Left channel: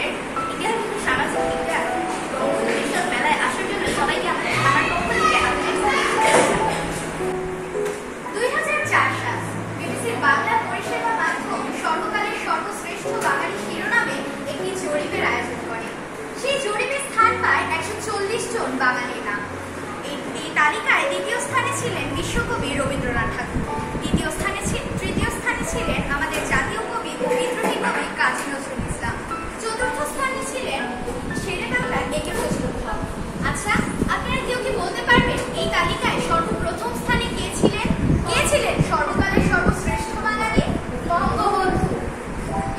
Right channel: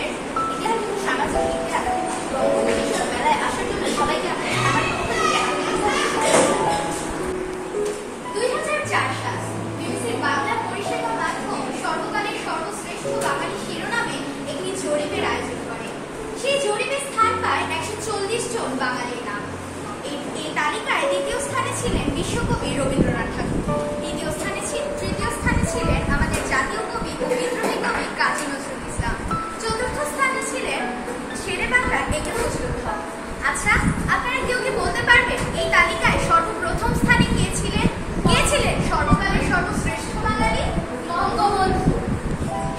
আমাদের ইতিহাস ও সামাজিক বিজ্ঞান বঙ্গবন্ধু বিষয়ক মেলায় আসার জন্য সবাইকে আমার পক্ষ থেকে আন্তরিক শুভেচ্ছা। 2004 সাল বিবিসির বাংলা পরিষেবা মাধ্যম সর্বকালের সর্বশ্রেষ্ঠ বাঙালি শিরোনামে একটি জরিপের আয়োজন করে। সেই জরিপে স্থান পায় 140 জন বাঙালির নাম। এই তালিকায় দ্বিতীয় স্থানে ছিলেন বিশ্বকবি রবীন্দ্রনাথ ঠাকুর, তৃতীয় স্থানে ছিলেন আমাদের জাতীয় কবি ও বিদ্রোহী কবি কাজী নজরুল ইসলাম, চতুর্থ স্থানে ছিলেন শেরে বাংলার একে ফজলুল হক। আচ্ছা, আপনারা কেউ কি বলতে পারবেন এই তালিকায় সর্বপ্রথম স্থানে কে ছিলেন? সর্বকালের সর্বশ্রেষ্ঠ বাঙালি বঙ্গবন্ধু।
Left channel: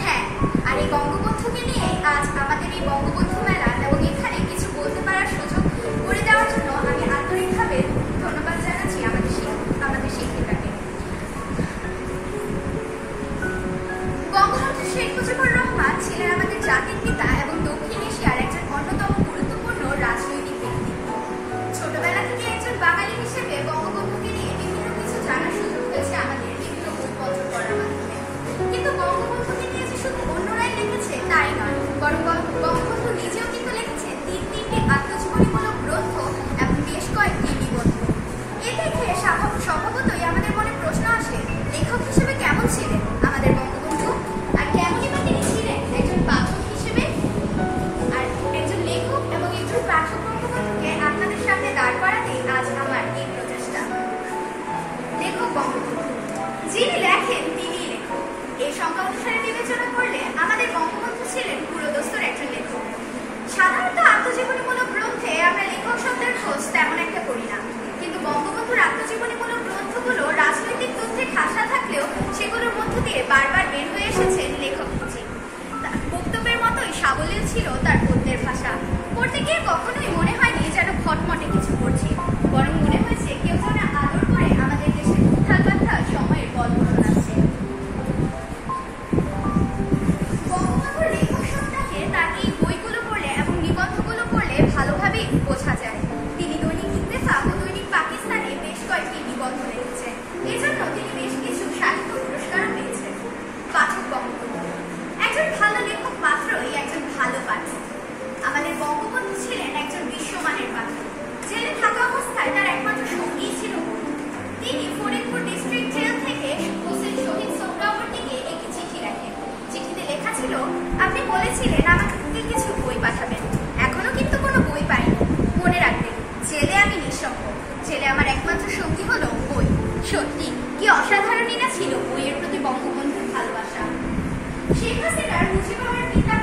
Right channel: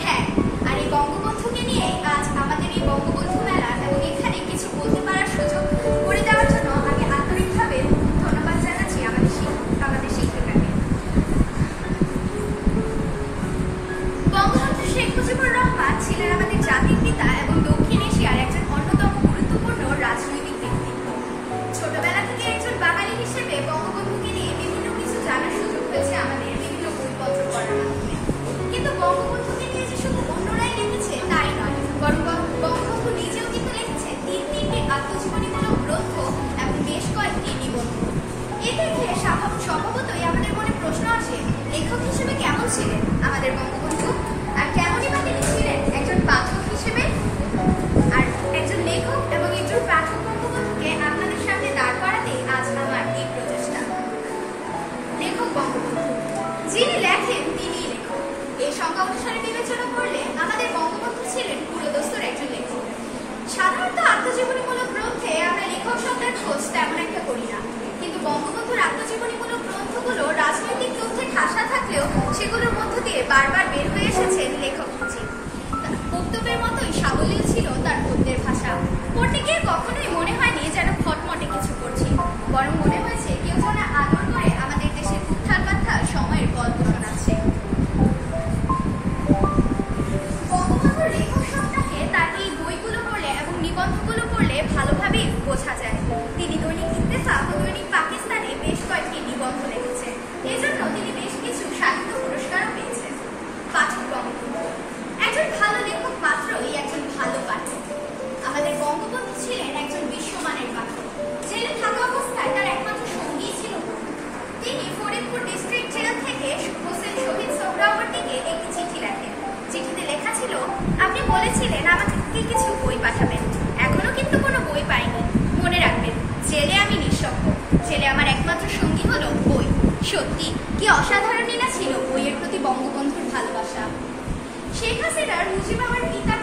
হ্যাঁ, আর এই বঙ্গবন্ধুকে নিয়ে আজ আমাদের এই বঙ্গবন্ধু মেলা এবং এখানে কিছু বলতে পারার সুযোগ করে দেওয়ার জন্য আমি আন্তরিকভাবে ধন্যবাদ জানাচ্ছি আমাদের শিক্ষিকাকে। বঙ্গবন্ধু শেখ মুজিবুর রহমান ছিলেন আমাদের জাতির পিতা এবং দক্ষিণ এশিয়ার একজন অন্যতম গুরুত্বপূর্ণ রাজনৈতিক ব্যক্তিত্ব। ছোটবেলা থেকে একজন বাঙালি হিসেবে বঙ্গবন্ধুকে নিয়ে বিভিন্ন কিছু জানার সুযোগ হয়েছে আমাদের বিভিন্ন বইপত্র পড়ার মাধ্যমে। কিন্তু বঙ্গবন্ধুকে নিয়ে যে শুধু অন্যরাই লিখেছে তাই নয়, বরং বঙ্গবন্ধু নিজেও কিন্তু লিখেছে তিনটি আত্মজীবনীমূলক গ্রন্থ এবং বেশ কয়েকটি নিবন্ধ। এ থেকে স্বভাবতই আমাদের মনে প্রশ্ন আসে, লেখক হিসেবে কেমন ছিলেন আমাদের বঙ্গবন্ধু, আর কেমনই বা তিনি ছিলেন একজন পাঠক হিসেবে। আর একজন লেখক এবং একজন পাঠক বঙ্গবন্ধুকে আপনাদের সামনে দাঁড় করাতেই আজ আমার এই প্রচেষ্টা। লেখক বঙ্গবন্ধু, যিনি লেখেন তিনিই লেখক। এই সংজ্ঞা অনুসারে বিবেচনা করলে আমাদের বঙ্গবন্ধু ছিলেন পুরোদস্তুর একজন লেখক। সাধারণত আত্মজীবনীমূলক গ্রন্থে আমরা লেখক শব্দের খোঁজ তেমন একটা করি না, কিন্তু বঙ্গবন্ধুর আত্মজীবনীমূলক গ্রন্থগুলো রাজনৈতিক তথ্যে ঠাসা থাকলেও সেগুলোর মধ্য দিয়ে বারবার বের হয়ে এসেছে লেখক খুঁজে। বক্তব্যের মতোই সাবলীল ছিল তার গদ্যের ভাষা। পড়তে গিয়ে কখনোই মনে হয়নি যেন খটমটে কিছু পড়ছি, বরং মনে হয়েছে কেউ যেন আদর করে আমাদের দেশের উত্থান পাথার সময়ের গল্প শোনাচ্ছে। বঙ্গবন্ধুর লেখক সত্তাকে তার এই বইগুলো পড়লে এবং নিবন্ধগুলো পড়লে ভালোভাবেই বোঝা যায়। তিনি দৈনিক ইত্তেফাক ও দৈনিক পাকিস্তানে বেশ কয়েকটি নিবন্ধ লিখেছেন, এজন্য তিনি বেশ কিছু সাহিত্য পুরস্কারও পেয়েছেন। পাঠক বঙ্গবন্ধু, একজন ভালো লেখক মাত্রই একজন ভালো পাঠক। আমাদের বঙ্গবন্ধু ছিলেন একজন বিশ্বমানের পাঠক। জেলে থাকা অবস্থায় তার একমাত্র সঙ্গী ছিল বই। তিনি ফরিদপুর ডিস্ট্রিক্ট জেল থেকে হোসেন শহীদ সোহরাওয়ার্দীকে একটি চিঠি লেখেন। চিঠিতে লেখা ছিল, আপনি বলেছিলেন আমাকে কিছু বই পাঠাবেন, এখনো কিন্তু কোনো বই পাইনি। মনে রাখবেন, জেলে আমি নিঃসঙ্গ, জেলে আমার একমাত্র সঙ্গী হলো বই। সত্যি কি অসাধারণই না ছিল বইয়ের প্রতি বঙ্গবন্ধুর ভালোবাসা। শেখ হাসিনার মুজিব হওয়ার পিতা